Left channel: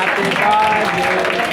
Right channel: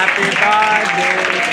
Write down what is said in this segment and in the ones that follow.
happy birthday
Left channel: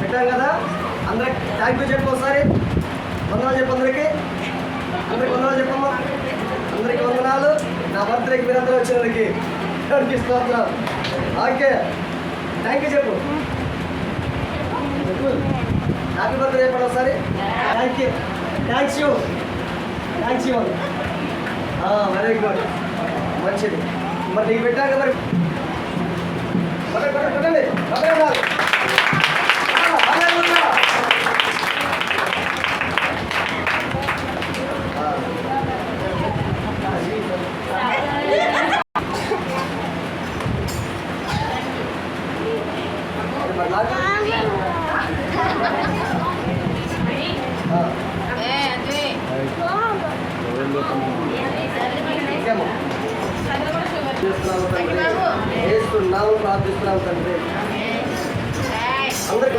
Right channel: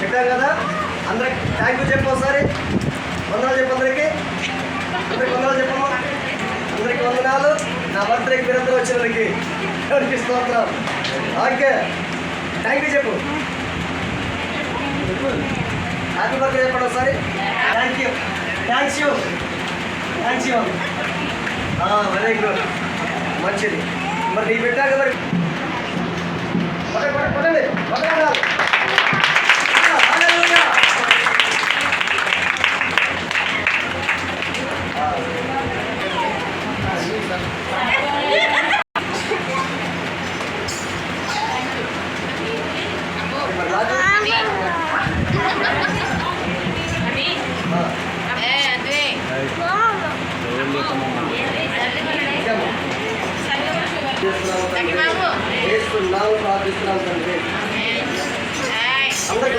చెప్పారు కదా అందరికి థ్యాంక్ యూ చెప్పు ఒకసారి వందనాలు చెప్పు అందరికి వందనాలు చెప్పమ్మా అందరికి వందనాలు నా బర్త్డేకి మీరందరూ వచ్చినందుకు ఎవరికి స్తోత్రం ఓకే థ్యాంక్ యూ చెప్పు చెప్పు హ్యాపీ బర్త్డే చెప్పండి ఒకసారి థ్యాంక్స్ యూ వెరీ గుడ్ మంచిది మరి నీకు పెట్టాక మరి కొట్టండి ప్రార్థిస్తున్నాం తండ్రి అందరికి